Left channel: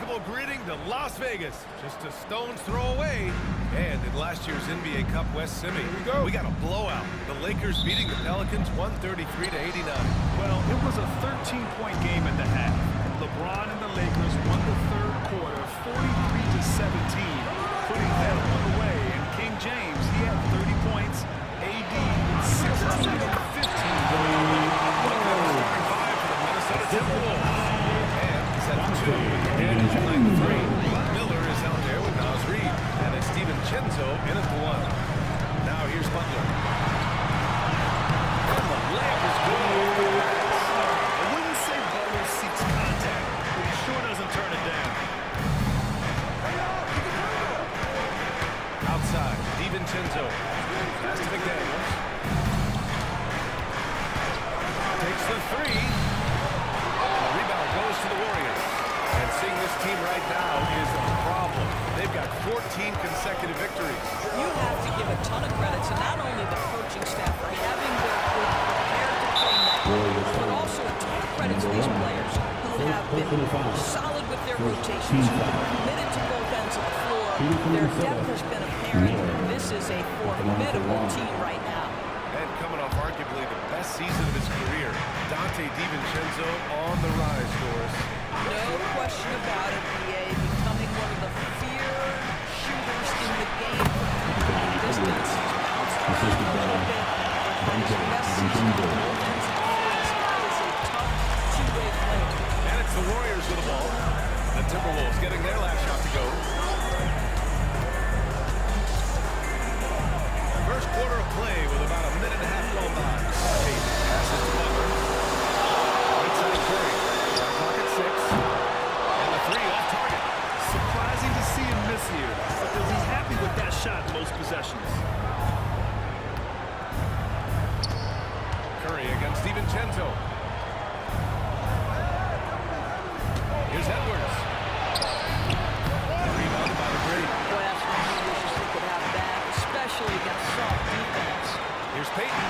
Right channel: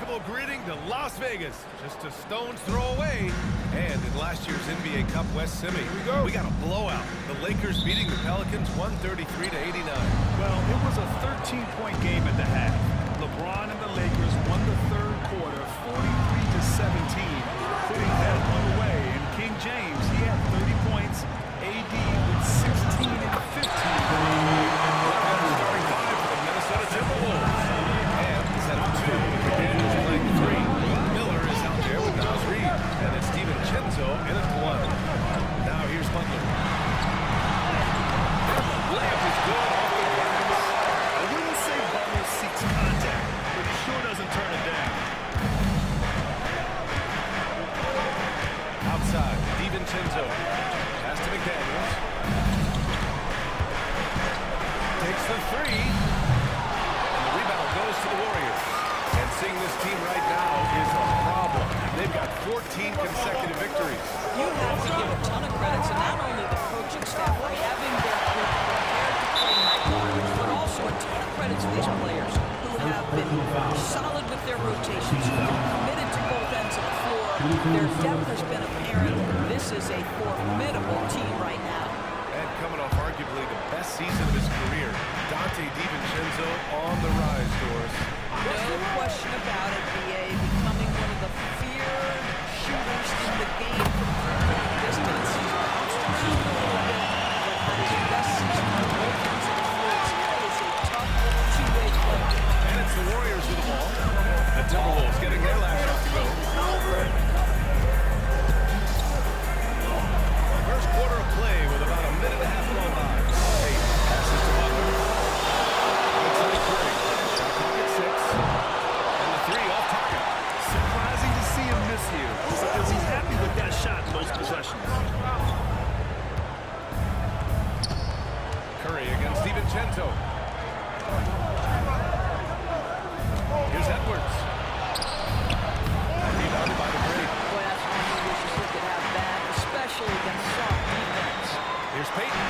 unmistakable greeting to Las Vegas. Just a stone's throw away. And in last year's NBA Cup West Semi, we got a blowout. The Lakers beating the Pelicans 133-89. Well, it was a 13-point game at the half. LeBron and the Lakers won the third quarter 43-17, putting that one away. And King James, he had 30 points. AD with 16 and 15. Look at the starting five for the Minnesota Timberwolves. And he's at the 2 with McDaniels playing the 3. Miller is out there with Naz Reid. And it's DiVincenzo in at the 1. Now here's Butler. And the layup is good off the glass. I wouldn't say Butler seeks contact, but he sure doesn't turn it down. Outside, DiVincenzo. Pass to McDaniels. Takes the 3. And the rebound goes to the Warriors. And seeing this team right now is a problem. They've got 14 consecutive victories. You have to give a ton of credit to not only the coaching staff for having their group prepared to play nightly, but also a ton of credit to these players who have been solid with their rotations, who have been committed to both ends of the floor. Their depth has been apparent. This is a formidable team right now. And coming off arguably the best season of his career, Donte DiVincenzo on the rise, Doris. No question about it, B.A. becoming one of the feared shooters in the game from three-point distance. He's bounced around a little bit, but had his best season on both ends of the floor. This guy is a tough two-way player. And it's the Warriors with the ball. The Timberwolves getting their last shot to go. First quarter of play with about a minute and a half gone by. Hayden passes to Butler. Right side Curry. Shot clock at 6. And the 3 off target. Surprising to see him miss here, but they'll be happy with that shot most possessions. Curry against DiVincenzo. Here's Edwards. Rebounded by the great. Boy, that's one he wishes he could have back, especially against soft defense. Here's Payton.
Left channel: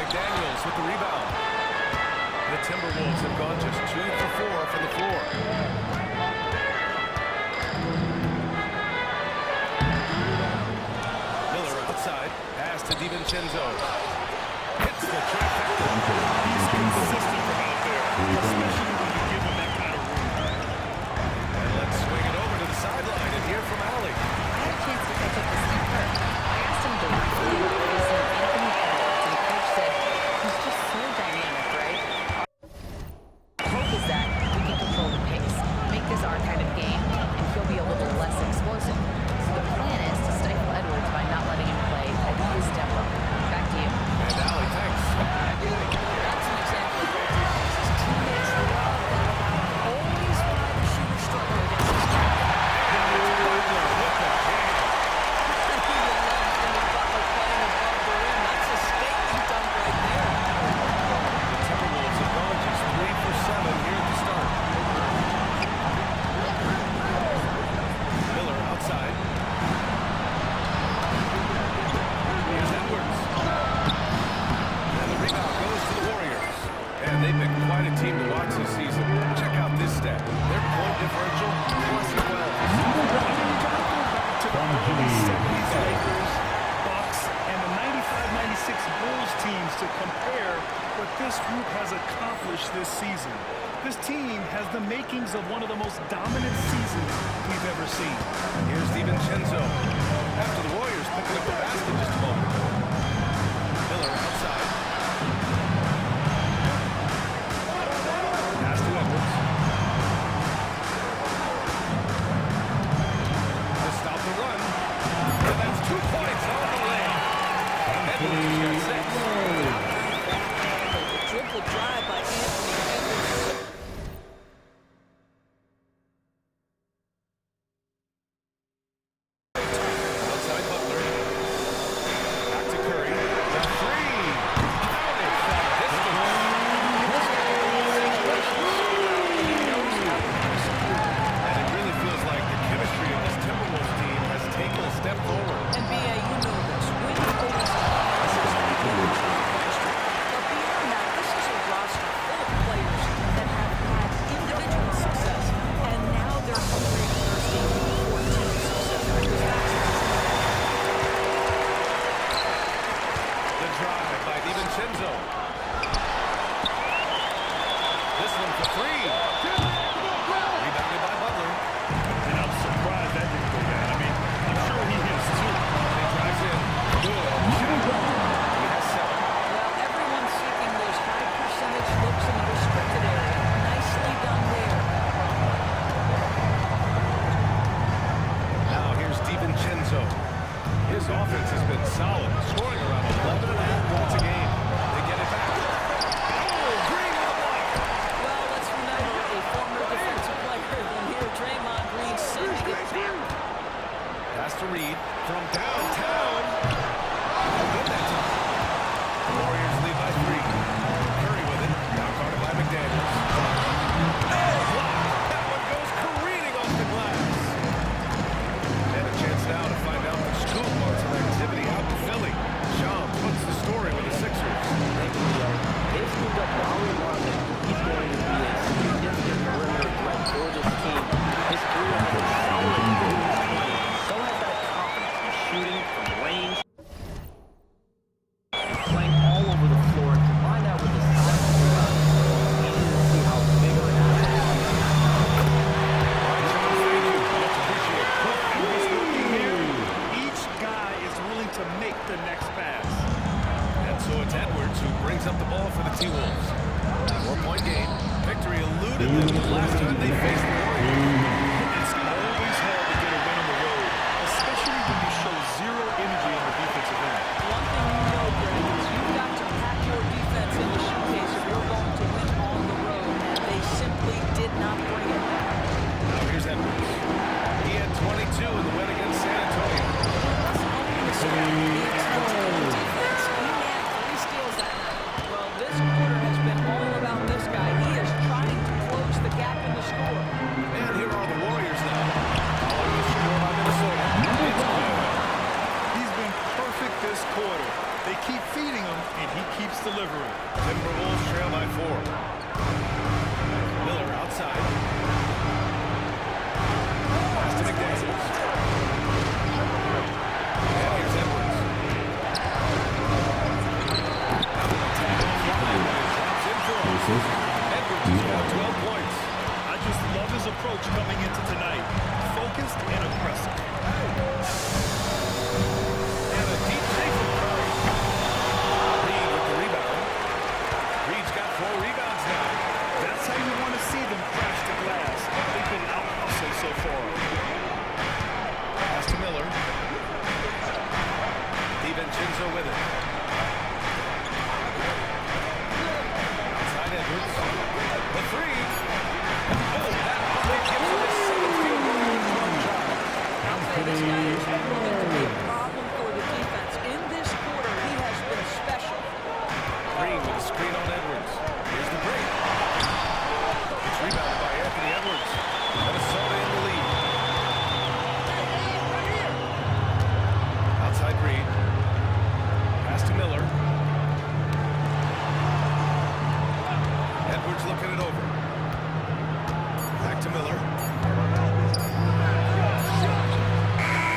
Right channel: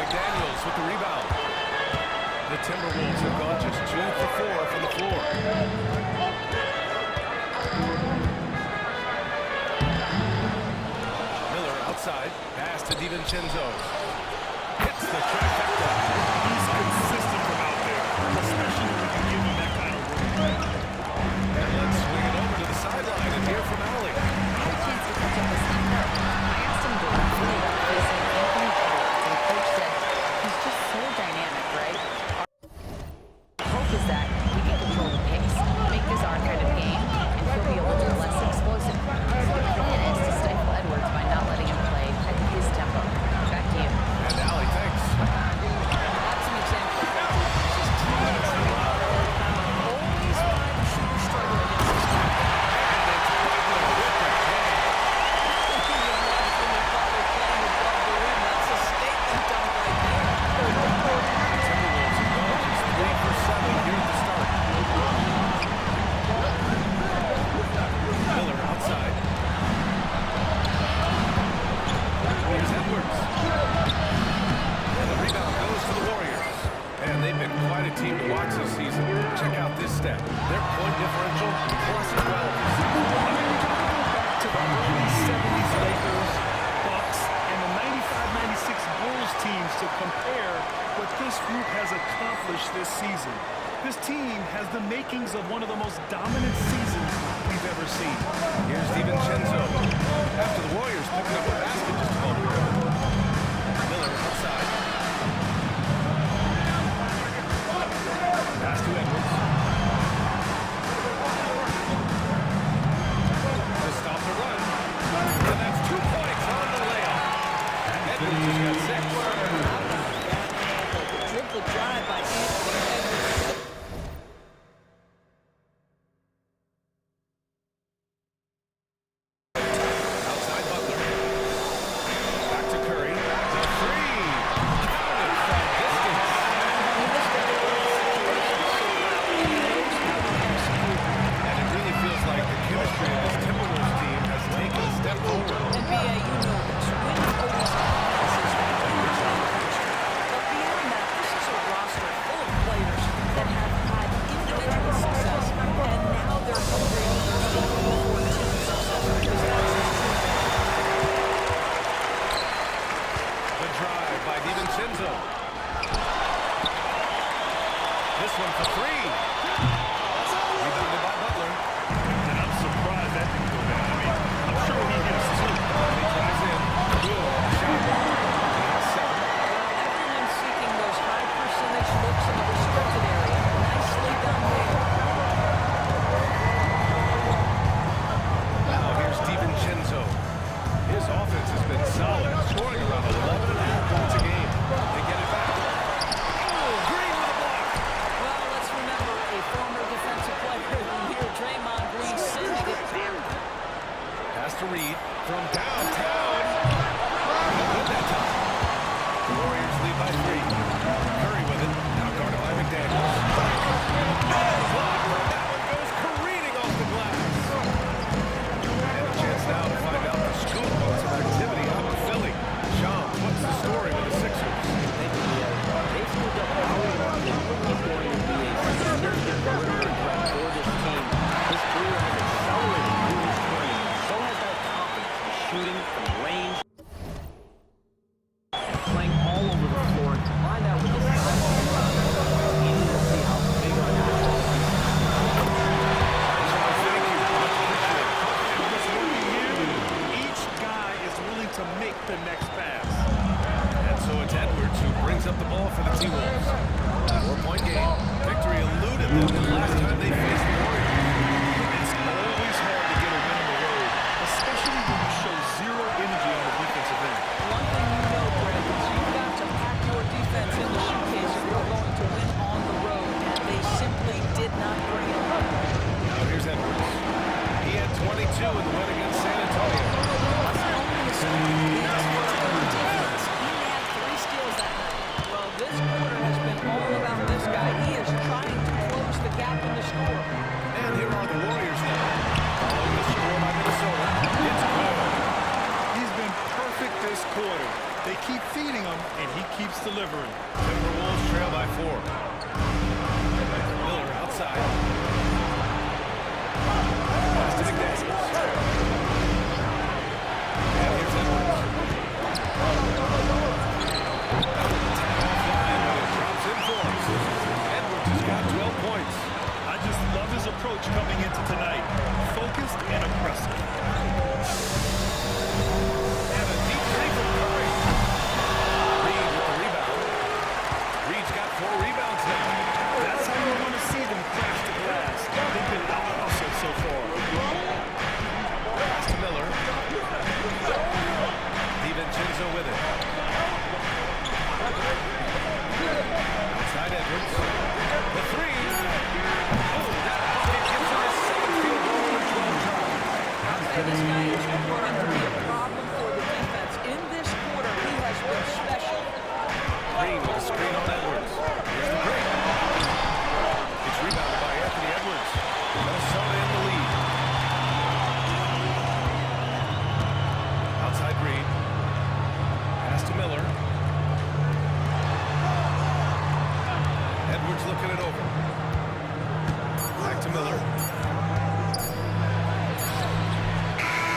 McDaniels with the rebound. The Timberwolves have gone just 2 for 4 from the floor. Miller outside. Pass to DiVincenzo. Hits the trifecta. He's consistent from out there, especially when you give him that kind of room. And let's swing it over to the sideline and hear from Allie. I had a chance to catch up with Steve Kerr. I asked him directly about facing Anthony Edwards, and the coach said, he's just so dynamic, right? Our hope is that we can control the pace, make this our kind of game, and he'll be a little less explosive. So the plan is to stifle Edwards by not letting him play at his tempo. Back to you. And Allie, thanks. That's an example of great defense. His teammates love that about always why the shooters struggle against this guy. And it's Butler with the jam. You love Jimmy Butler playing above the rim. That's a statement dunk right there. The Timberwolves have gone just 3 for 7 here at the start. Miller outside. Here's Edwards. And the rebound goes to the Warriors. And they've been quite a team to watch this season. Check out this stat. Their point differential, plus 12 this season. I mean, you got to go back to the early 70s Lakers, Bucks, and the 95-96 Bulls teams to compare what this group has accomplished this season. This team has the makings of one of the most dominant seasons we've ever seen. Here's DiVincenzo. After the Warriors picking up a basket just a moment ago. Miller outside. Pass to Edwards. To stop the run. And that's 2 points on the layup. Edwards has got 6. How about that handle? The dribble drive by Anthony Edwards. Outside Butler. Back to Curry. The 3. Counted from distance. This guy reads situations so well, and he knows how to execute. And it really feels like the chemistry of this Timberwolves team has taken a step forward. And B.A., you know this. Winning always enhances that energy and chemistry. But beyond that, this is a roster full of players that have had individual success, one for three. Rebounded by Butler. And I'm surprised that didn't go down. I mean, I'm sure he hits too. And he drives in. Good on the shot. He has 7. Well, everyone's seeking those high percentage looks in the restricted area. Nicely done there. Now here's DiVincenzo. His offense has been solid, scoring around 11.5 points a game. They get it back. Oh, Green with a block. Well, let's remember a former defensive player of the year, Draymond Green, sending it back. Pass to Reed from downtown. No good that time. The Warriors lead by 3. Curry with it. Now guarded by McDaniels. Oh, block. That one goes careening off the glass. And a chance now to find out the scoop on some activity out in Philly. Shams, what's the story with the Sixers? Thank you, D.A. They've scooped up Lauri Markkanen. He's going to be a significant perimeter threat for this team. His career has accelerated through his 20s. So has that confidence in shooting from range and playing all over the floor. And combine that with his size and rebound. It's easy to see how big of an asset he is. All right, Shams, thank you. Much appreciated. And what's working here, each guy is willing to make the next pass. And so it's Edwards who brings up the ball for the T-Wolves. 4-point game. Victory eluded them the last time they faced the Warriors. It's always hard to get a win on the road, especially when you show zero energy on the defensive end. One thing you know, Greg, is you've got to pack your defense in the suitcase if you're going to win on the road, and they simply did not bring it. Now here's Edwards. He had 22 in the win against San Antonio. It wasn't only a score. He attempted on defense. He had 3 steals that night. Well, this quarter has been all about this guy. He is trying to close the gap in the score. And here are the Warriors now. Following the score by Minnesota. It's good. He's been perfect this quarter. They keep feeding him, and he keeps delivering. Timberwolves trail by 4. Miller outside. Pass to McDaniels. And here's Edwards. That was a tag offline, but it drops in for him. Edwards has got 12 points. I just love his approach coming into tonight. Focused and aggressive. And a deep 3 from Curry. Reed with the rebound. Reed's got 4 rebounds now. That's how you want to see them crash the glass. They've been out-hustled so far. Pass to Miller. DiVincenzo with it. Outside Edwards. The 3. Oh, that bucket gives him his 7th field goal in 12 tries. I'll say this guy is proving to be a problem for the defense. In this quarter, he has been special. Green with a screen on Edwards. Here's the break. It's rebounded by Anthony Edwards. Minnesota in the lead. Outside Reed. Pass to Miller. Edwards looking it over. Back to Miller.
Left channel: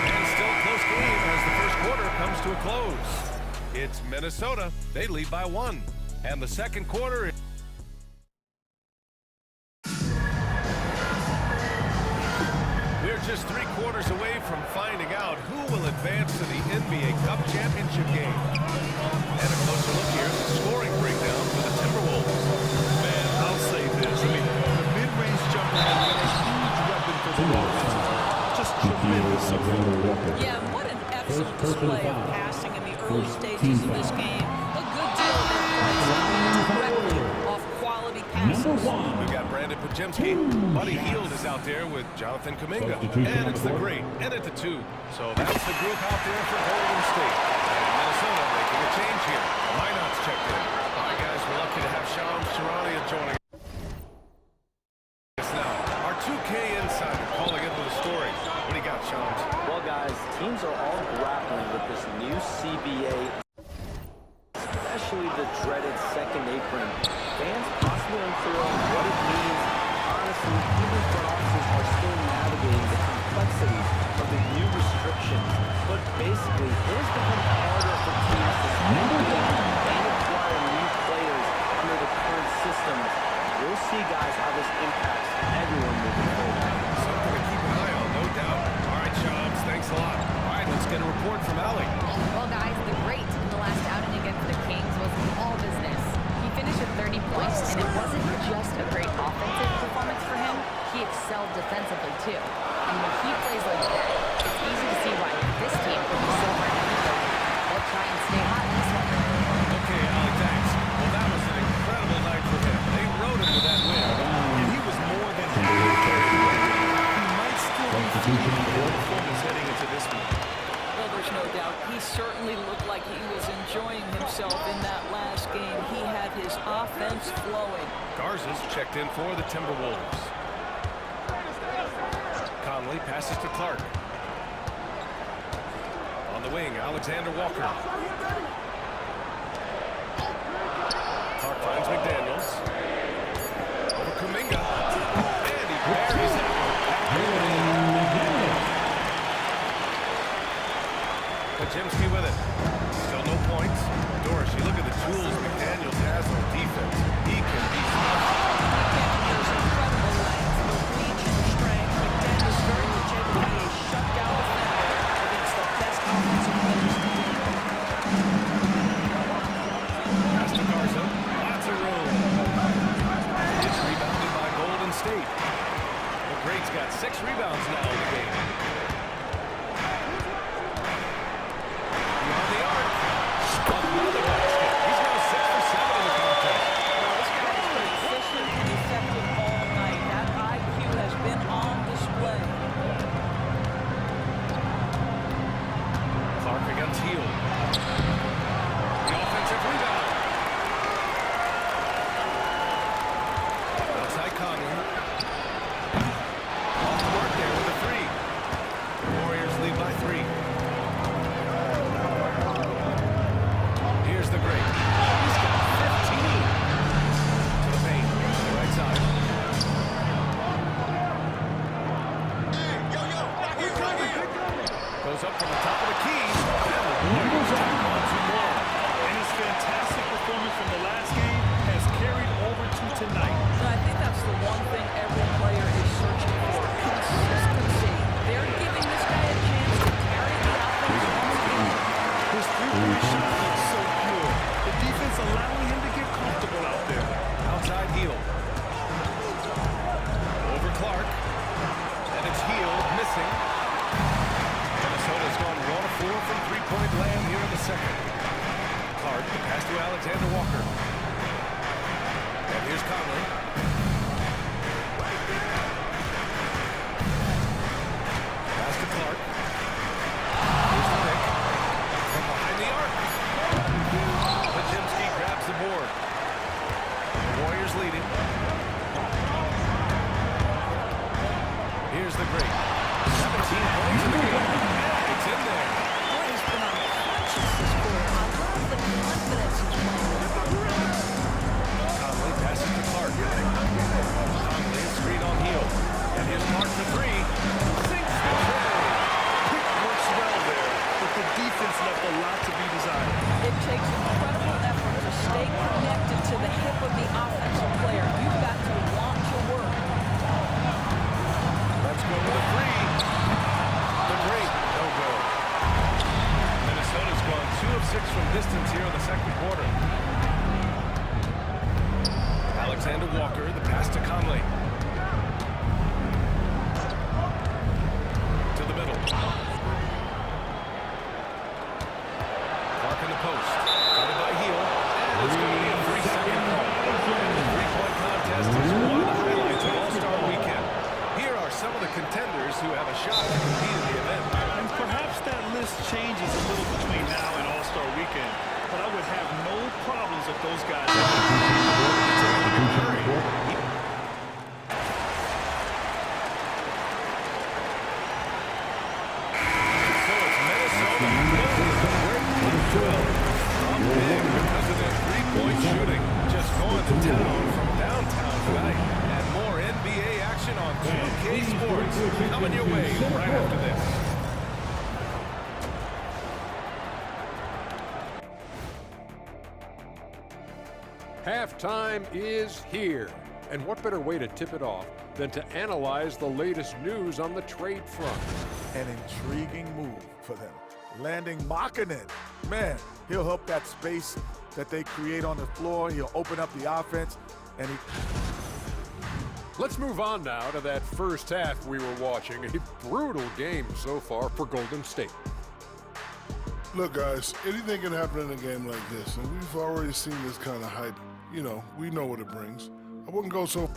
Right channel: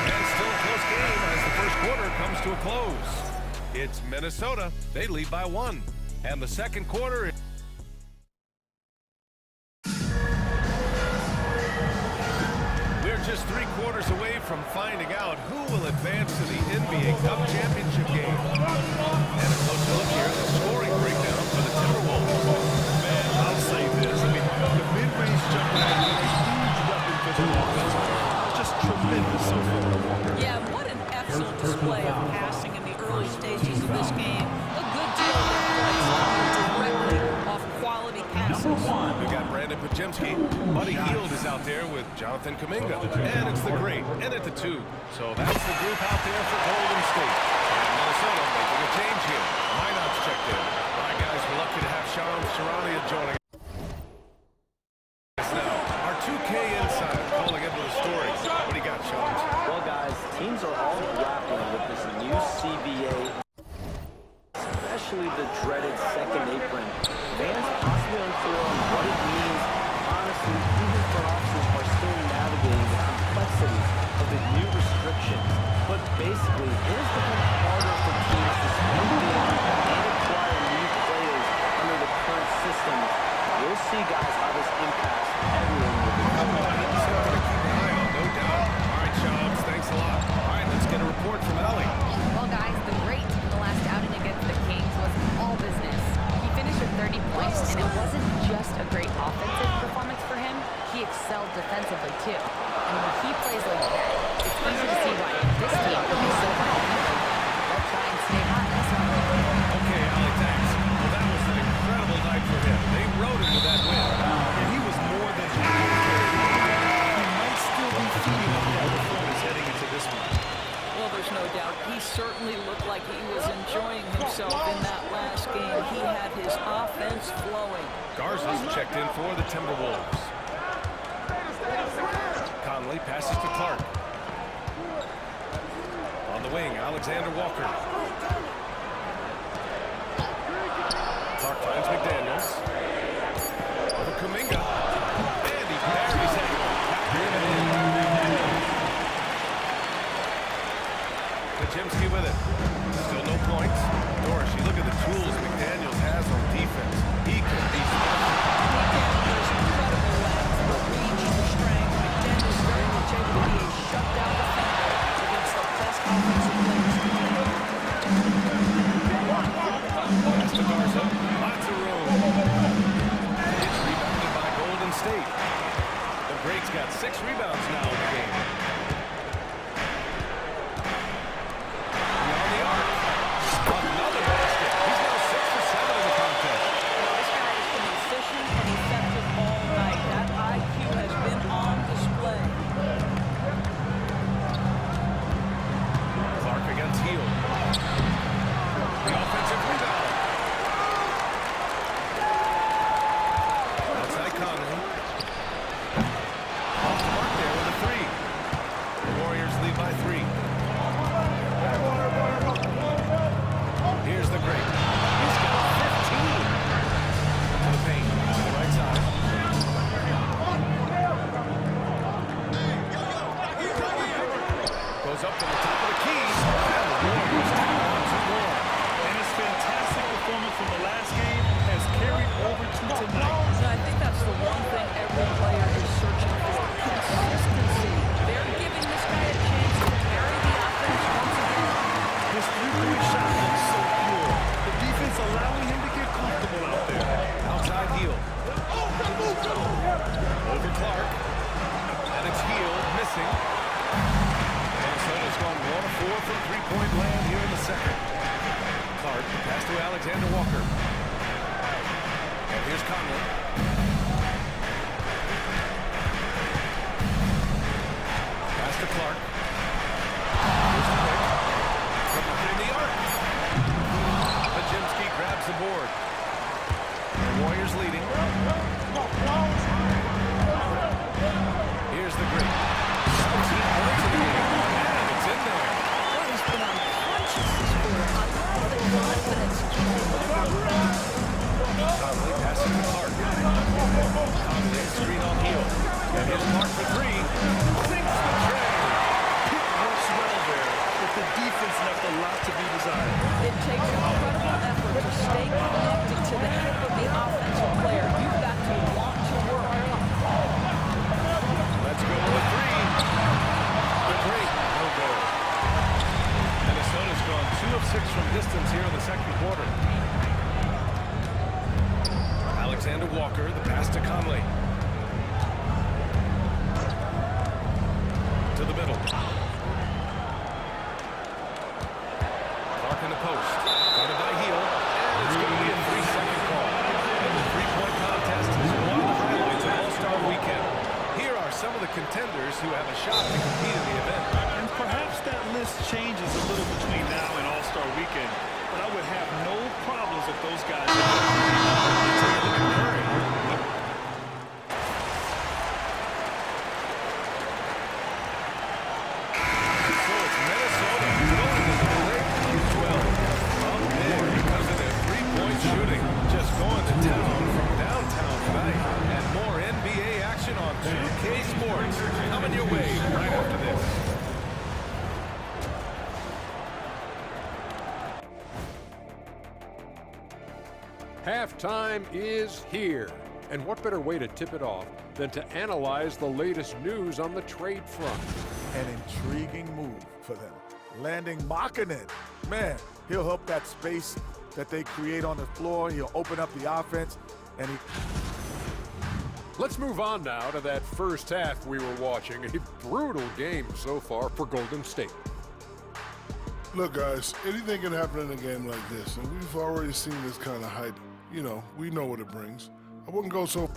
And still a close game as the first quarter comes to a close. It's Minnesota. They lead by 1. And the second quarter... We're just 3 quarters away from finding out who will advance to the NBA Cup Championship game. And a closer look here at the scoring breakdown for the Timberwolves. Man, I'll say this. I mean, the mid-range jumper has been a huge weapon for them offensively. Just tremendous so far. Yeah, what an excellent display of passing in the early stages of this game. A good deal of their points coming directly off quality passes. We've got Brandon Podziemski. Buddy Hield is out there with Jonathan Kuminga. And it's the great and at the 2. So that's the group out there for Golden State. And Minnesota making a change here. Minot's checked in. All right, guys, we're lucky to have Shams Charania joining us now. Our 2K insider calling in with a story. What do you got, Shams? Well, guys, teams are all grappling with this new CBA, especially the dreaded second apron. Fans possibly unclear on what it means. Honestly, even front offices are still navigating the complexities of the new restrictions. But basically, it has become harder for teams to spend big and acquire new players under the current systems. you'll see, guys, how this impacts everyone moving forward. Something to keep an eye on, no doubt. All right, Chubbs, thanks a lot. All right, let's get a report from Allie. Well, guys, the great in the last outing against the Kings was all business. He finished with 30 points, and it wasn't just a great offensive performance for him. He excelled defensively, too. And when he plays like that, it's easy to see why this team could be so hard to beat lately. They'll try and stay hot in this one. Okay, Allie, thanks. Well, that was an incredible night for him. They rode him to that win. And he was more than happy to carry the game. He might still be feeding on that performance heading into this one. Well, there's no doubt. He certainly looked like he was enjoying himself in that last game. He had his offense flowing. Garza's checked in for the Timberwolves. Conley passes to Clark. On the wing, Alexander Walker. Clark finds McDaniels. Over Kuminga. And he buries that one. Have it in. Pajemski with it. Still no points. Doris, you look at the tools McDaniels has on defense. He can be special. He can. There's incredible length, the reach, the strength. McDaniels very much able to be a shutdown defender against the best offensive players in the game. Pass to Garza. Lots of room. It's rebounded by Golden State. The Greats got 6 rebounds now in the game. Beyond the arc. Another basket. He's now 6 for 7 in the contest. Well, this guy has been efficient and effective all night. That IQ has been on display. Clark against Hield. The offensive rebound. Outside Conley. Off the mark there with a 3. The Warriors lead by 3. Here's the Great. He's got 15. To the paint. To the right side. Goes up from the top of the key. And the Warriors tack on 2 more. And his fantastic performance from the last game has carried over to tonight. So I think that's the one thing every player is searching for. Consistency. They're giving this guy a chance to carry the offense once again. His three-point shot looks so pure. The defense allowing him to get comfortable out there. Outside Hield. Over Clark. And it's Hield missing. Minnesota's gone 1 of 4 from three-point land here in the second. Clark, the pass to Alexander Walker. And here's Conley. Pass to Clark. Here's the pick. From behind the arc. Pajemski grabs the board. The Warriors leading. Here's the Great. 17 points in the game. And it's in there. Boy, he's been unconscious this quarter. I love the confidence he's playing with. Conley passes to Clark. Conley is screen on Hield. And here's Clark for 3. Sinks the tray. Pick works well there, but the defense left a lot to be desired. It takes incredible effort to stay connected to the hip of the offensive player. You've got to want to work. Let's go with a 3. The Great, no good. Minnesota's gone 2 of 6 from distance here in the second quarter. Alexander Walker, the pass to Conley. To the middle. Clark in the post. Guarded by Hield. And it's going to be a 3-second call. And the three-point contest is one of the highlights of All-Star Weekend. Here are some of the contenders who have a shot to compete in the event. And perhaps that list changes a little between now and All-Star Weekend, but I would have no problems if those guys... Take a look at Curry. So it's Minnesota going to the break on 12. Up big because of their three-point shooting. Just going to town from downtown tonight. And more NBA action on 2K Sports coming your way right after this. Halftime is here. And what better way to tip it off than to analyze the latest news on the trade front? An intriguing move for them. Landing Markkanen. Man, he'll help that space that they create on the floor. He'll open up the offense, and he... Let's move on now to that first half we were watching. A brutal game so far for Golden State. Look, guys, anything can happen in a game like this, and we've already seen this kind of hype. You know, we know what it brings. I wouldn't go so...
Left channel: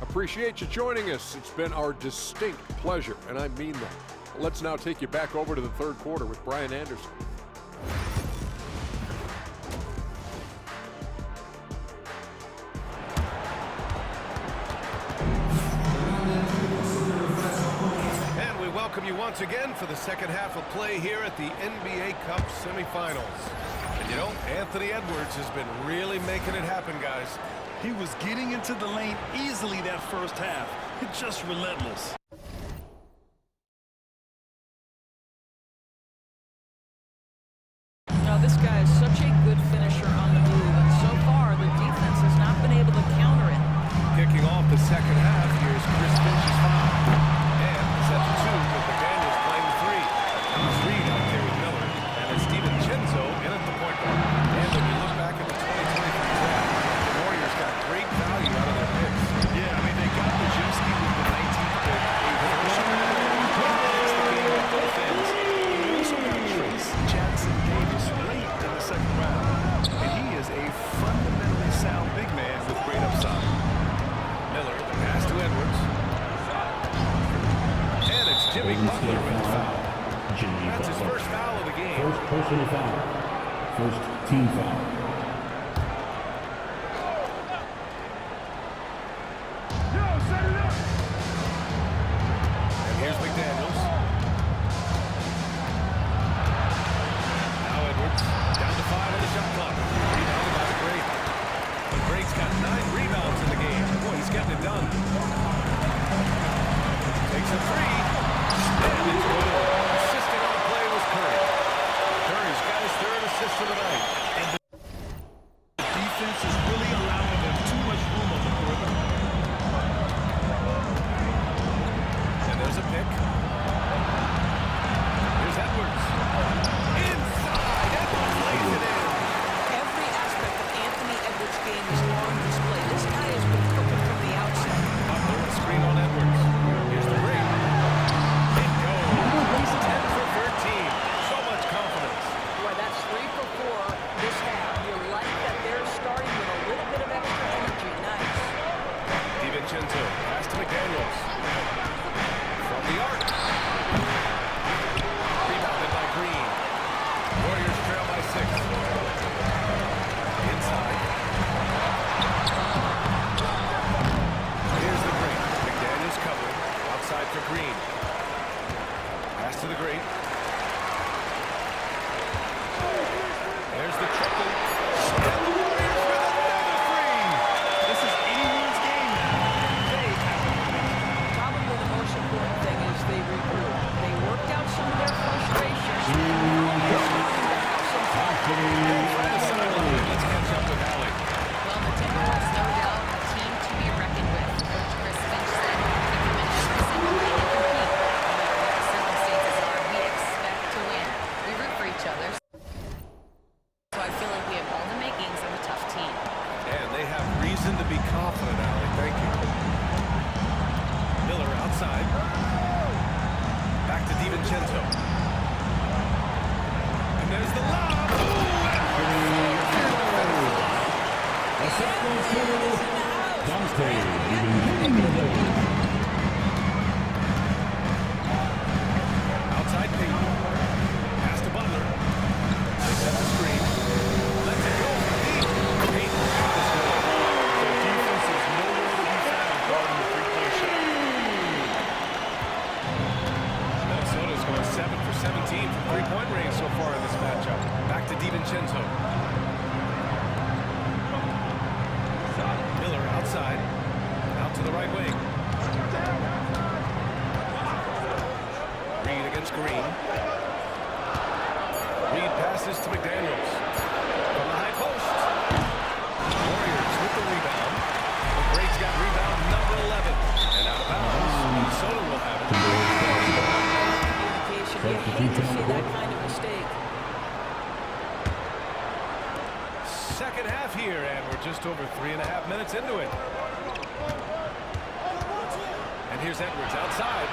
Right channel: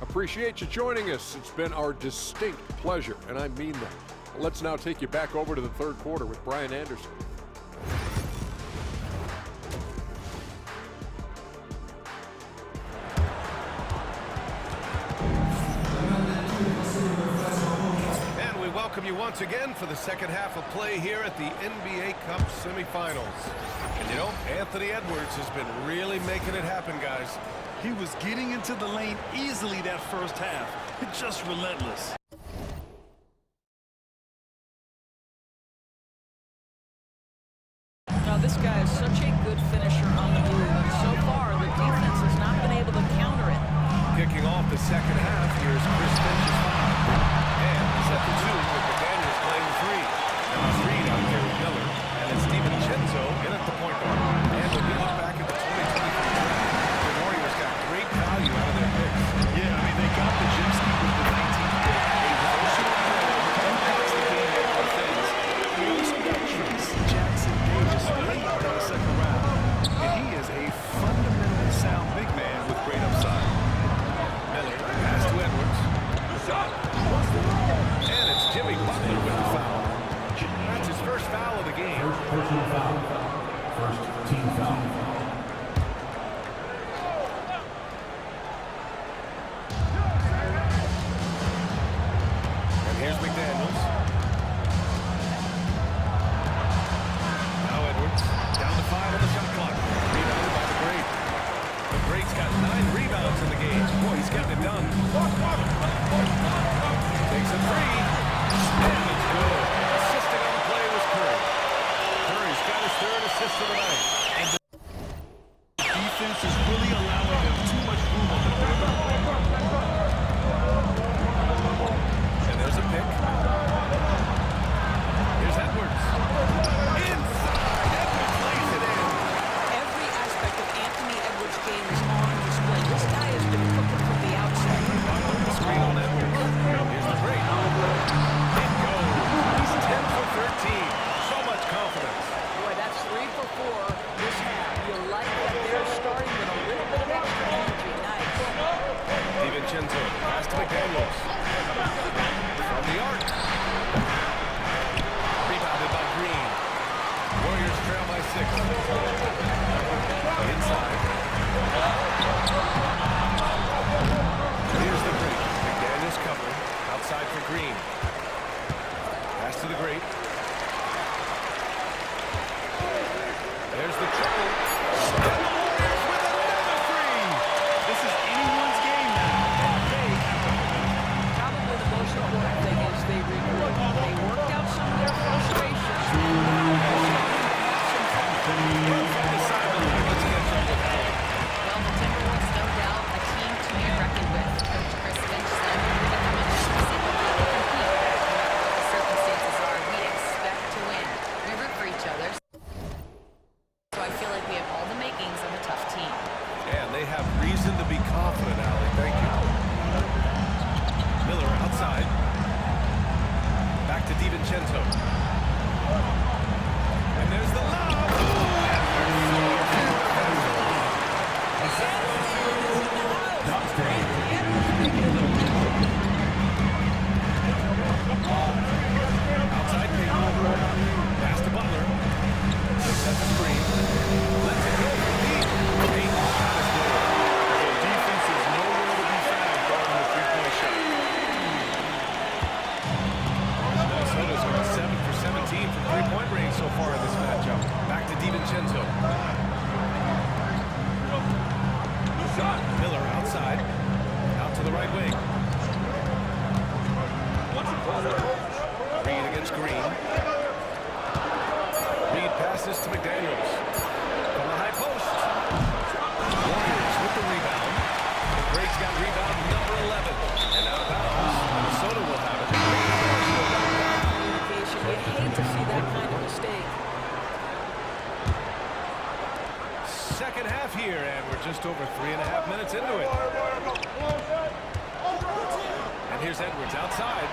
Appreciate you joining us. It's been our distinct pleasure, and I mean that. Let's now take you back over to the third quarter with Brian Anderson. And we welcome you once again for the second half of play here at the NBA Cup semifinals. And you know, Anthony Edwards has been really making it happen, guys. He was getting into the lane easily that first half. It's just relentless. Now, this guy is such a good finisher on the move, and so far the defense has not been able to counter it. Kicking off the second half, here's Chris Finch's foul. And he's at the 2 with McDaniels playing the 3. Naz Reid out there with Miller, and it's Steven Chenzo in at the point guard. And when you look back at the 2023 draft, the Warriors got great value out of their picks. Yeah, I mean, they got Podziemski with the 19th pick, a versatile player who impacts the game at both ends. We also got Trace Jackson Davis late in the second round, and he is a fundamentally sound big man with great upside. Miller, the pass to Edwards. And it's Jimmy Butler with the foul. That's his first foul of the game. First personal foul. First team foul. And here's McDaniels. Now Edwards, down to 5 on the shot clock. Rebounded by the Great. The Great's got 9 rebounds in the game. Boy, he's getting it done. Takes a 3, and it's good. Assisting on the play was Curry. Curry's got his 3rd assist of the night. And the defense is really allowing them too much room on the perimeter. And there's a pick. Here's Edwards. Inside, Edwards lays it in. Every aspect of Anthony Edwards' game is on display. This guy has been cooking from the outset. Butler, the screen on Edwards. Here's the break. It goes. He's 10 for 13. So much confidence. Boy, that's 3 for 4 this half. You like that they're starting with a little bit of extra energy. Nice. DiVincenzo, pass to McDaniels. From the arc. Rebounded by Green. Warriors trail by 6. Inside. Here's the Great. McDaniels covering. Outside for Green. Pass to the Great. There's the triple. And the Warriors with another 3. This is anyone's game now, and they have the momentum. Probably the most important thing is they regroup. They worked out some of their frustrations, and now they're starting to have some fun. And from the sideline, let's catch up with Allie. Well, the Timberwolves, no doubt, a team to be reckoned with. Coach Chris Finch said, we come in every single night and compete. No matter what the circumstances are, we expect to win. We root for each other. So I feel like we have all the makings of a tough team. And they have reason to be confident, Allie. Thank you. Miller outside. Back to DiVincenzo. And there's the lob. Ooh, Edwards soars in to finish the lob. Outside Payton. Pass to Butler. They set the screen. Lets it go from deep. Payton's shot is good. The defense is nowhere to be found guarding the three-point shot. Minnesota's going 7 for 17 from three-point range so far in this matchup. Back to DiVincenzo. Miller outside. Out to the right wing. Reid against Green. Reid passes to McDaniels. From the high post. Warriors with the rebound. Great's got rebound number 11. And out of bounds, Minnesota will have it. Communication. You hate to see that kind of mistake. Second half here, and we're just over 3.5 minutes into it. And here's Edwards outside.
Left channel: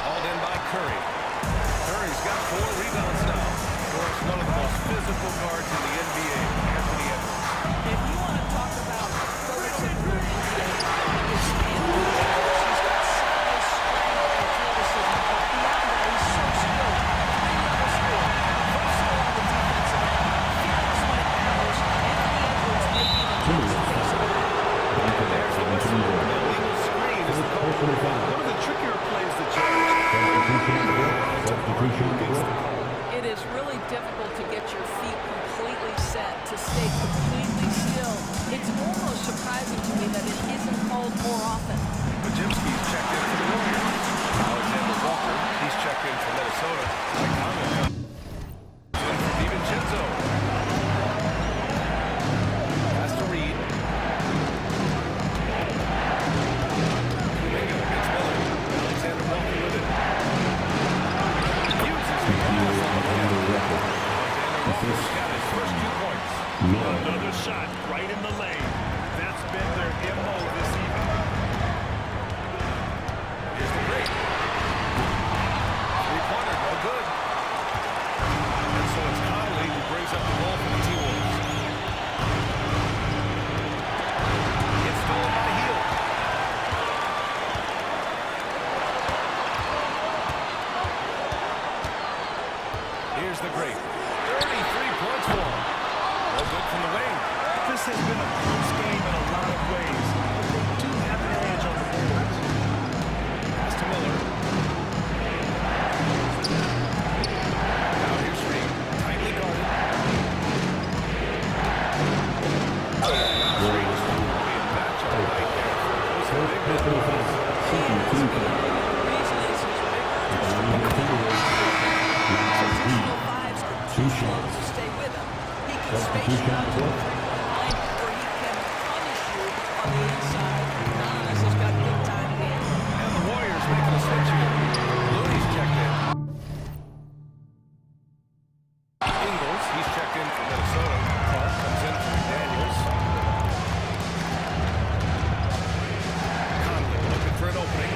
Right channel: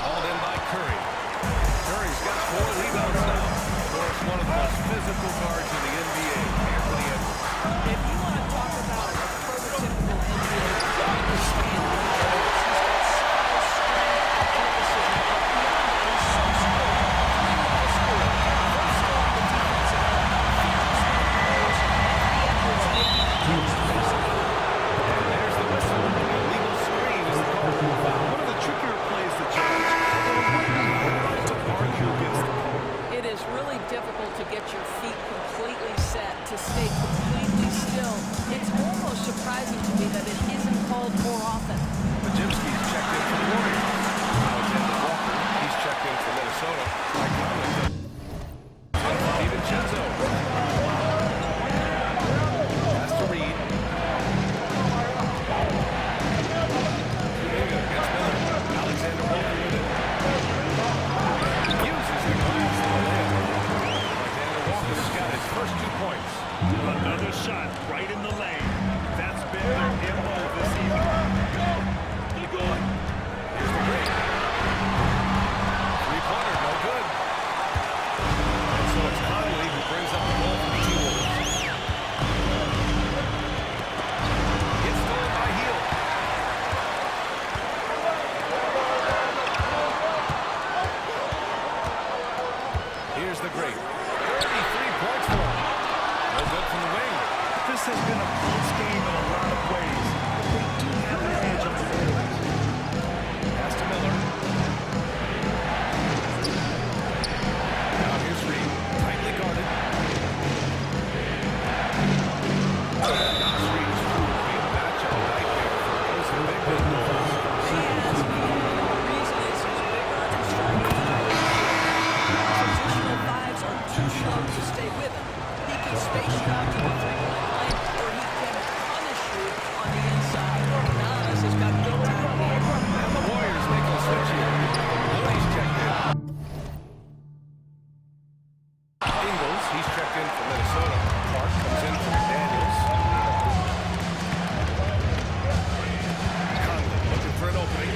Hauled in by Curry. Curry's got 4 rebounds now. Of course, one of the most physical guards in the NBA, Anthony Edwards. If you want to talk about a prototypical NBA guard, it's Anthony Edwards. He's got size, strength, athleticism, but beyond that, he's so skilled. 3-level scorer, versatile on the defensive end, fearless when it matters. Anthony Edwards may be the next face of the league. And there's the whistle. The illegal screen is the call. One of the trickier plays to judge, but it would be hard to argue against the call. It is really difficult to get your feet completely set, to stay completely still. It's almost surprising to me that it isn't called more often. Podziemski's checked in for the Warriors. Alexander Walker, he's checked in for Minnesota. Mike Conley comes in for DiVincenzo. Pass to Reed. Kuminga against Miller. Alexander Walker with it. Uses the glass on the layup. Alexander Walker's got his first 2 points. Another shot right in the lane. That's been their MO this evening. Here's the break. 3-pointer, no good. And so it's Conley who brings up the ball for the T-Wolves. It's stolen by Hield. Here's the great. 33 points for him. No good from the wing. This has been a close game in a lot of ways, but they do have an edge on the boards. Pass to Miller. Now here's Reed. Tightly guarded. Nas Reed is proved to be a matchup nightmare for opposing big men. He is, and the reason is he's bigger and stronger than he is. Traditional fives are too slow to stay with him. He can space you out to the 3-point line, or he can punish you on the inside. Nas has got good time in. And the Warriors making a switch here. Looney's checked in. Ingles, he's checked in for Minnesota. Clark comes in for McDaniels. Conley looking for an opening.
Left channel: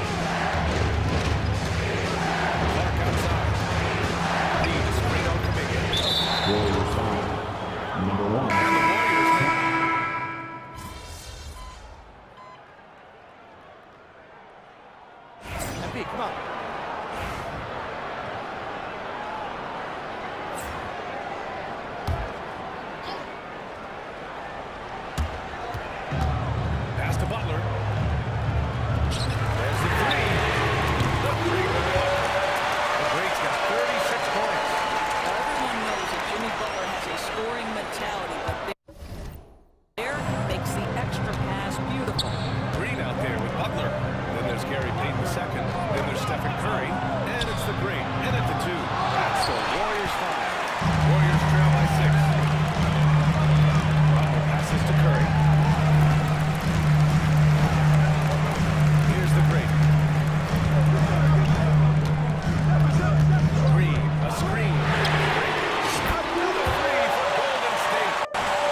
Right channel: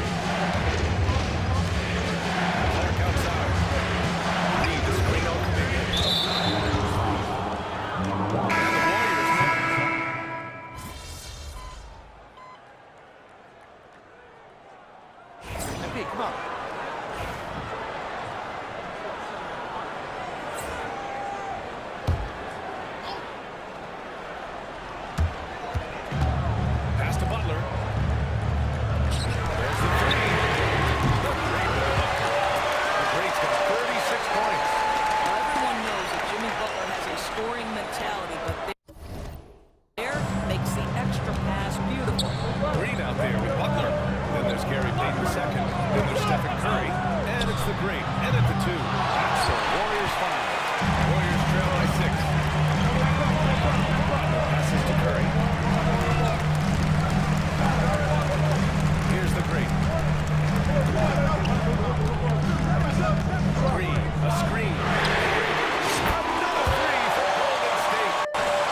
Clark outside. Reed the screen on Kuminga. Warriors foul. Number 1. And the Warriors make. MP, come on. Pass to Butler. There's the 3. The Great with the bucket. The Great's got 36 points. Now, everyone knows that Jimmy Butler has a scoring mentality, but there makes the extra pass beautiful. Green out there with Butler. Then there's Gary Payton II. Then there's Stephen Curry. And it's the Great. And at the 2. That's the Warriors 5. Warriors trail by 6. Butler passes to Curry. Here's the Great. Green, a screen. Great. Another 3 for Golden State.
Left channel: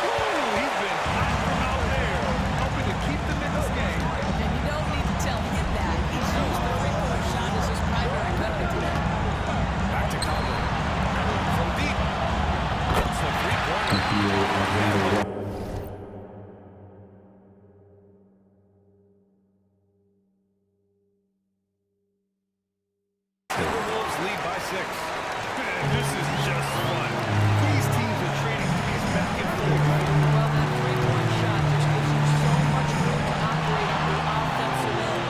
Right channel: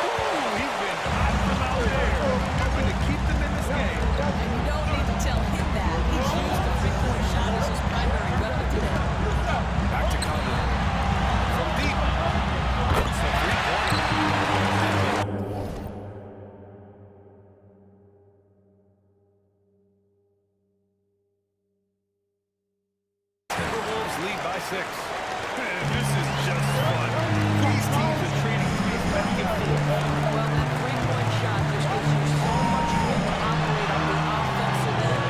Ooh, he's been hot from out there, hoping to keep them in this game. And you don't need to tell him that. He's used the 3-point shot as his primary weapon today. Back to Conley. From deep. It's a 3-pointer. Timberwolves lead by 6. Man, this is just fun. These teams are trading threes back and forth. Well, that 3-point shot just gives you so much room to operate on the offensive end.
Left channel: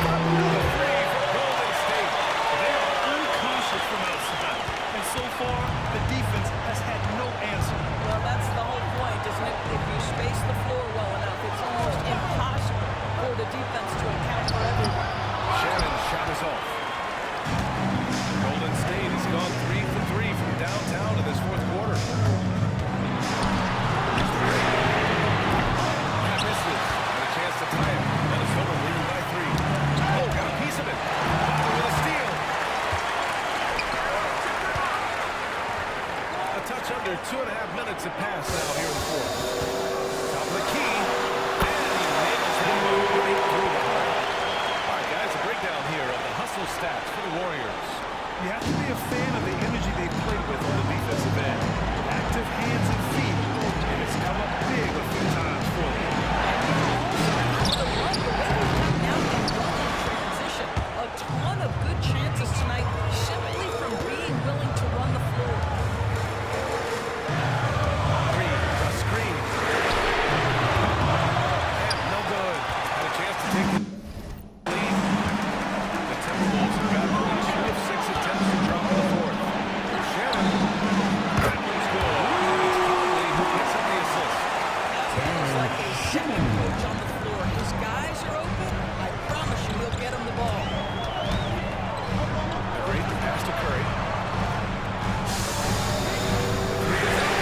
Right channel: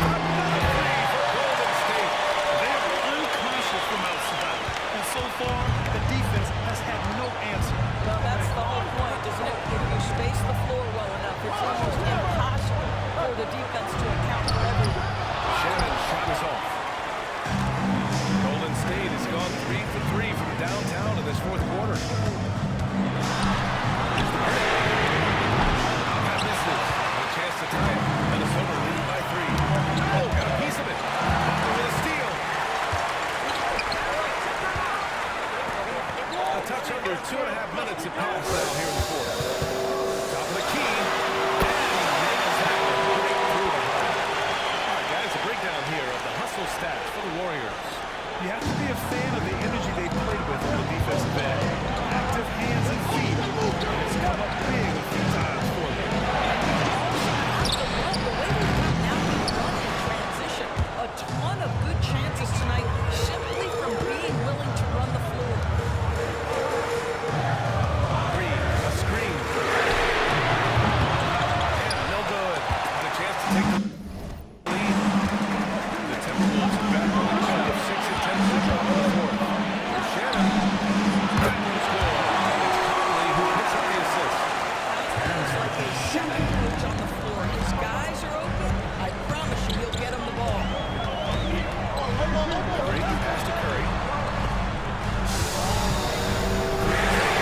Another 3 for Golden State. They are unconscious from outside, and so far, the defense has had no answer. Well, that's the whole point, isn't it? If you space the floor well enough, it's almost impossible for the defense to account for everyone. Shannon's shot is off. Golden State has gone 3 for 3 from downtown in this 4th quarter. Here's the break. misses. And a chance to tie it. Minnesota leading by 3. Oh, got a piece of it. Butler with a steal. A touch under 2.5 minutes have passed now here in the fourth. Top of the key. And he nails that one right through the heart. All right, guys, a breakdown here of the hustle stats for the Warriors. You have to be a fan of the energy they played with on the defensive end. Active hands and feet, and it's come up big a few times for them. And you also have to love the way they've gotten out and run in transition. A ton of good chances tonight simply from being willing to run the floor. Green, a screen. And no good. Had a chance to take the lead. The Timberwolves have got only 2 of 6 attempts to drop in the fourth. For Shannon, that one's good. And it's Conley who picks up the assist. Conley is like a second coach on the floor. His guys are open. I promise you he'll get them the ball. A great pass to Curry. Three is up.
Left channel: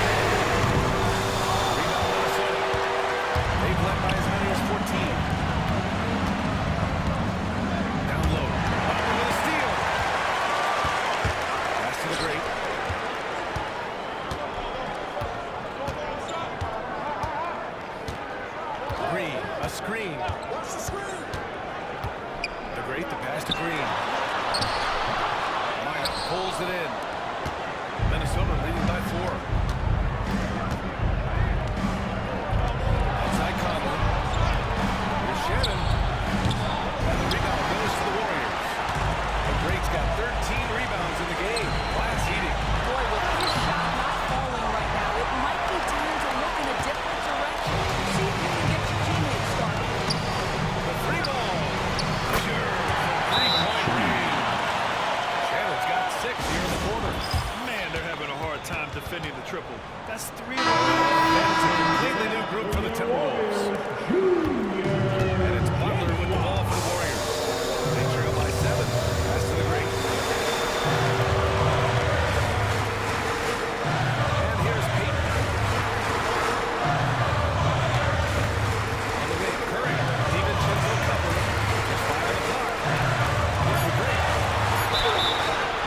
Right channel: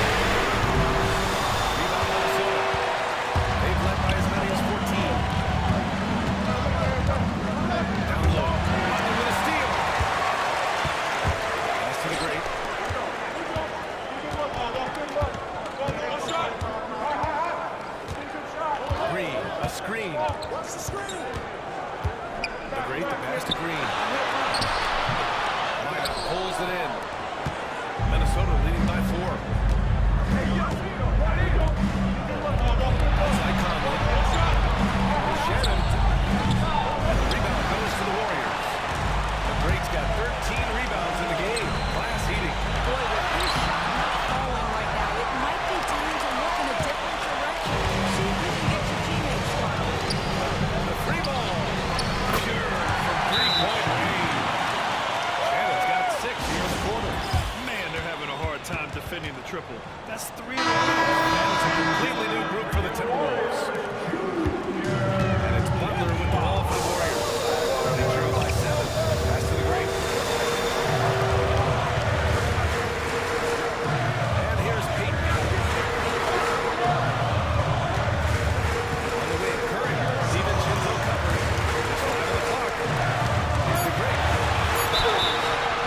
Rebound Minnesota. They've led by as many as 14. Down low. Butler with a steal. Pass to the great. Green, a screen. Watch the screen. The great, the pass to Green. Maya pulls it in. Minnesota leading by 4. Outside Conley. Here's Shannon. And the rebound goes to the Warriors. The great's got 13 rebounds in the game. Glass eating. Boy, with his shot not falling right now, it might be time to look in a different direction. See if you can get your teammates started. The free ball. Sure, from 3-point range. Shannon's got 6 here in the quarter. Man, they're having a hard time defending the triple. That's 3 in a row. And it's a completely new group for the Timberwolves. And it's Butler with the ball for the Warriors. They trail by 7. Pass to the great. And here's Peyton. On the wing, Curry. DiVincenzo covering. There's 5 on the clock. Here's the break.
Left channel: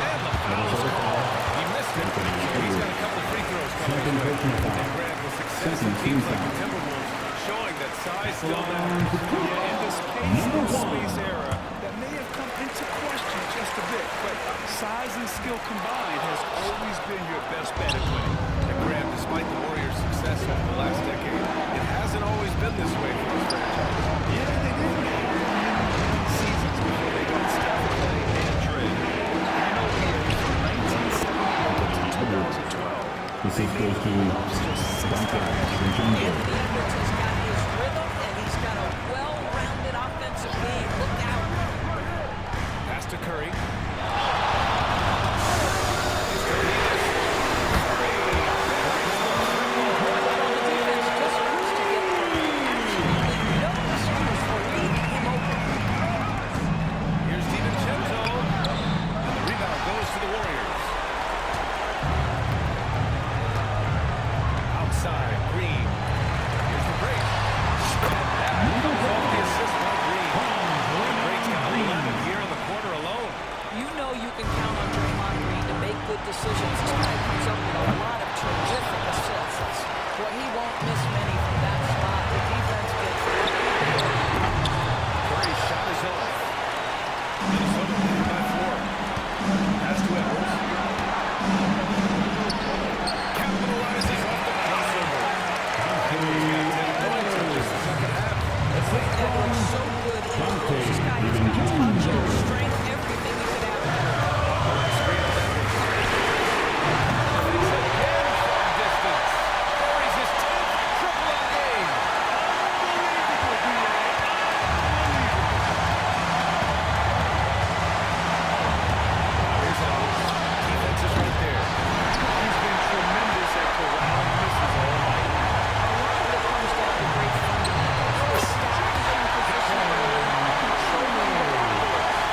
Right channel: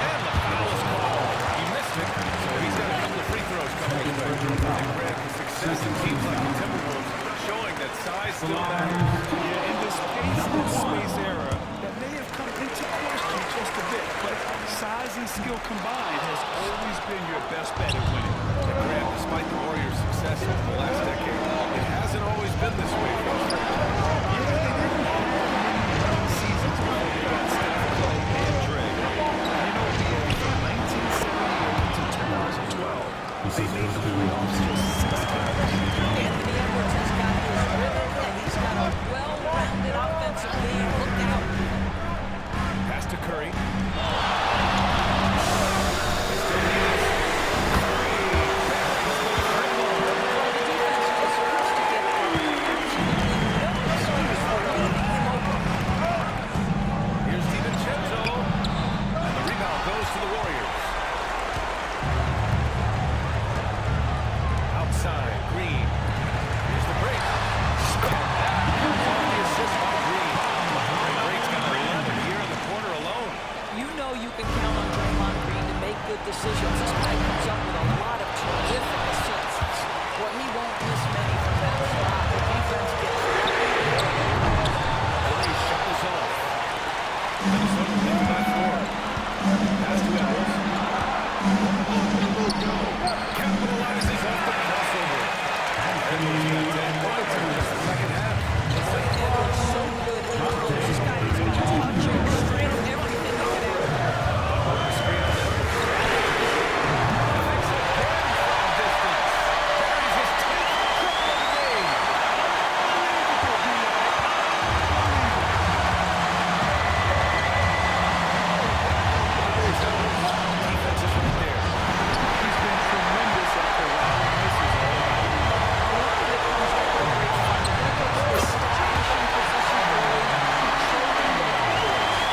And the foul is called. He missed it, so he's got a couple of free throws coming his way. And Grant, with success in teams like the Timberwolves, showing that size still matters. Yeah, in this pace and space era, that may have come into question just a bit, but size and skill combined has always been your best bet at winning. And Grant, despite the Warriors' success over the last decade, it hasn't always been this way for this franchise. Yeah, they didn't have many winning seasons before they got Steph, Clay, and Dre. And you know, BA, from 1978 to 2012, they made the playoffs just 6 times. Anthony Edwards has got his rhythm, and he's got a well-rounded offensive game. Look out. Pass to Curry. They still need this. Curry buries the triple. Well, the defense just wants to get absolutely no excuse for leaving him open. Here's DiVincenzo. And the rebound goes to the Warriors. Outside, Green. Here's the break. And that comes off the assist by Green. The break's got 11 here in the quarter alone. You know you can count on Draymond Green to make good decisions. This guy comes up with a lot of terrific assists. Well, he won't miss many from that spot. The defense gets lucky. Curry's shot is off. Minnesota leading by 4. Pass to Edwards. Capitalizes off the crossover. Edwards got 10 points in just the second half. Boy, Edwards so good in close. This guy has got touch and strength, everything you could ask for. Screen on Edwards. Connects again from distance. Buries his 10th triple of the game. Unbelievable, B.A. Unbelievable. Now here's Edwards. Defense is right there. He's been tremendous at corralling misses all night. A lot of it comes down to great fundamentals, establishing position early, controlling the backboards.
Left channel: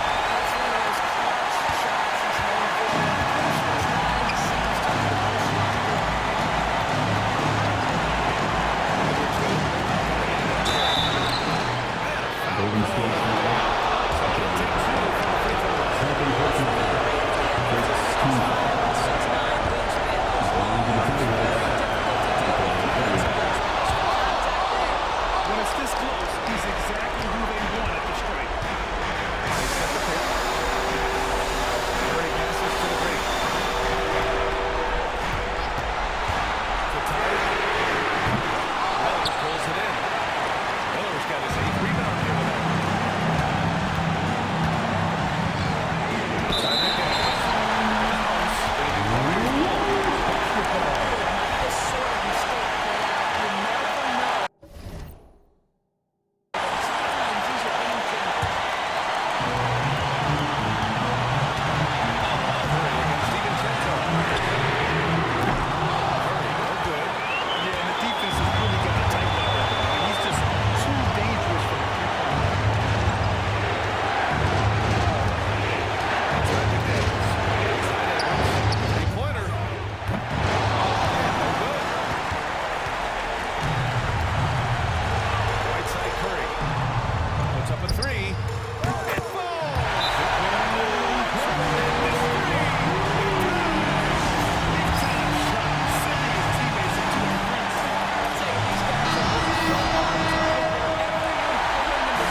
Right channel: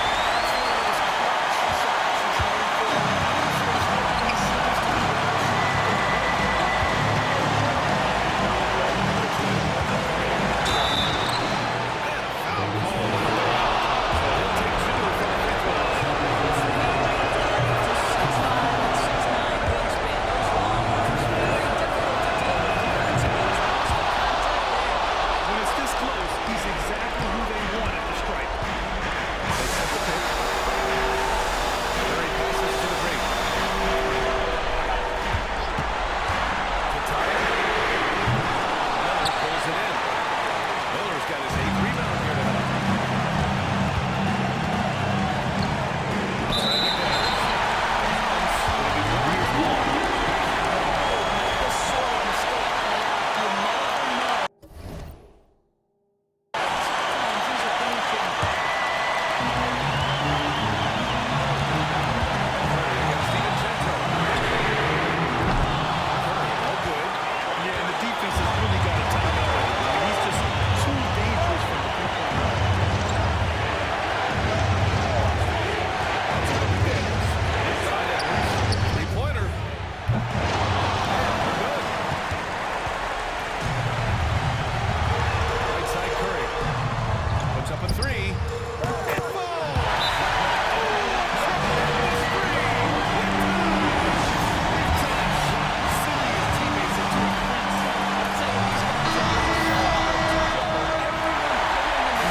three. It falls! Oh, tremendous three! We're tied! Big time shot, sending his teammates into a frenzy. I'll tell you, these guys have worked so hard together. Everyone pulling in the...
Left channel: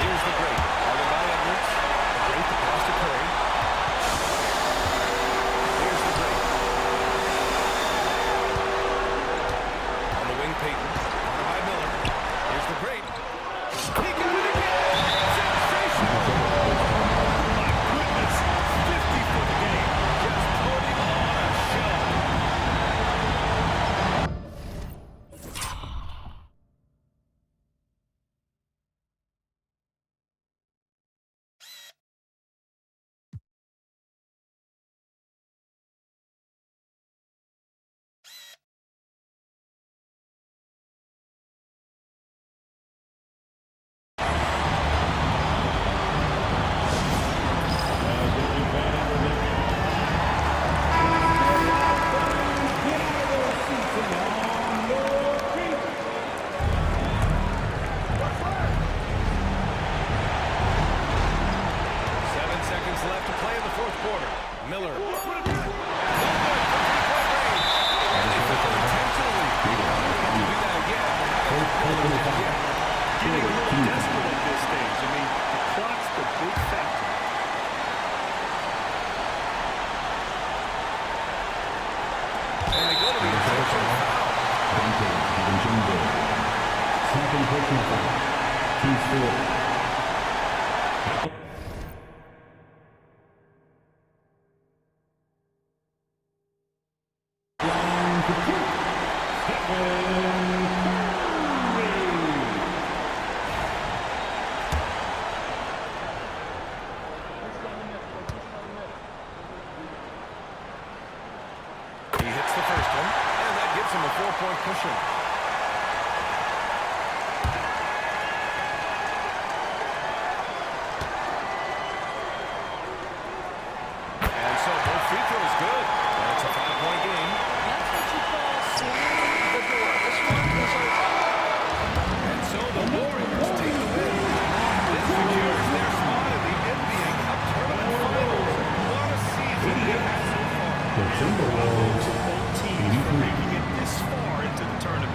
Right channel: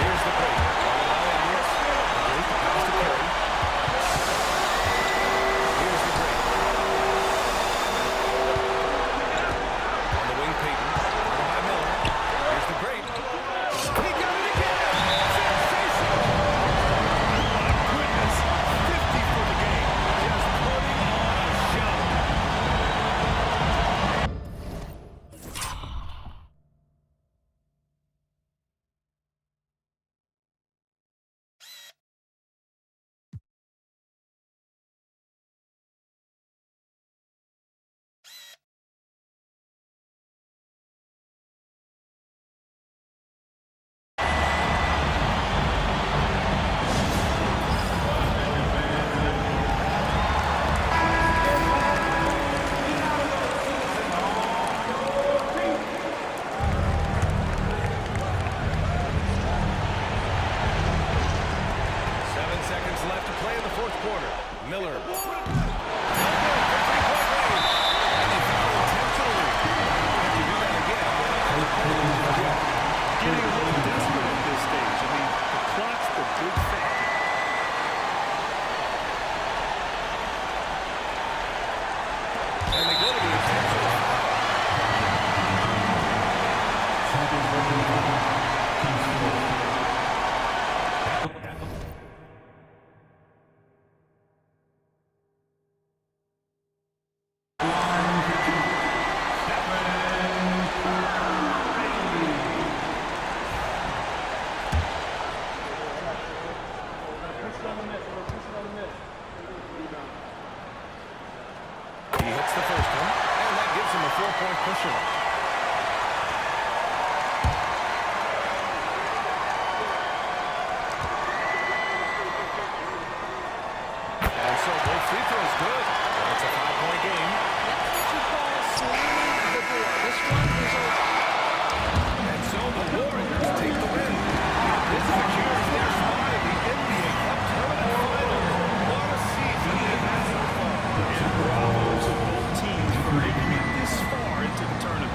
Here's the great. Guarded by Edwards. The great, the pass to Curry. Here's the great. On the wing, Payton. Guarded by Miller. Here's the great. He got it again! Sensational! Oh my goodness, 50 for the game. Just putting on a show. Seconds left to play in the fourth quarter. Miller. No good from three-point range. And they foul intentionally. Now they're going to have to do that again. They're not in the penalty just yet. Getting a little desperate at this stage. I mean, the clock's the big factor. And they go to the intentional foul. Second personal foul. Team score. He hits the first one, and that gives him a 4-point cushion. And so both free throws good, and it's a 5-point game. That's what you call slamming the door. This one is over. And so the Warriors take the win. This secures their spot in the NBA Cup Tournament Finals. What a season they've had so far. And bravo to both teams for making it this far into the tournament.